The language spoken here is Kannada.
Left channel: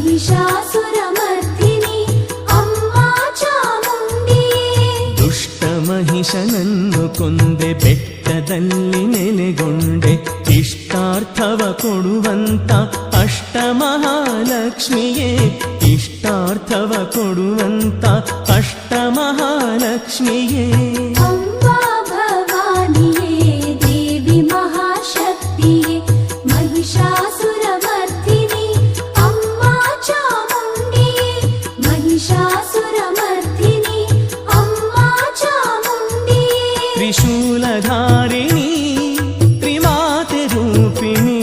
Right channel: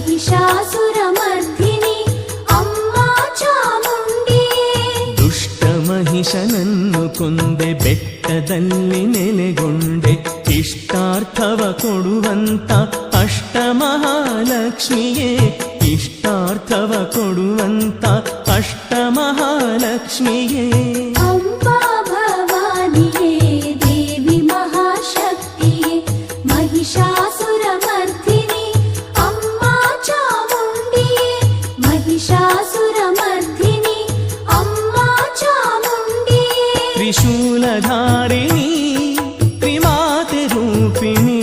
ಮಹಿಷಾಸುರಮರ್ಧಿನಿ ಅಮ್ಮ ಚಾಮುಂಡಿಯೇ. ದುಷ್ಟ ಮಹಿಷನನ್ನು ಕೊಂದೆ ಬೆಟ್ಟದಲ್ಲಿ ನೆಲೆಗೊಂಡೆ, ಇಷ್ಟಾರ್ಥವ ಕೊಡುವಂತ ಅಷ್ಟಮಹಾಲಕ್ಷ್ಮಿಯೇ, ಇಷ್ಟಾರ್ಥವ ಕೊಡುವಂತ ಅಷ್ಟಮಹಾಲಕ್ಷ್ಮಿಯೇ. ಅಂಬಾ ಭವಾನಿಯೇ ದೇವಿ ಮಹಾಶಕ್ತಿಯೇ, ಮಹಿಷಾಸುರಮರ್ಧಿನಿ ಅಮ್ಮ ಚಾಮುಂಡಿಯೇ, ಮಹಿಷಾಸುರಮರ್ಧಿನಿ ಅಮ್ಮ ಚಾಮುಂಡಿಯೇ. ತ್ರಿಶೂಲಧಾರಿಣಿ ತ್ರಿಮಾತೆ ರೂಪಿಣಿ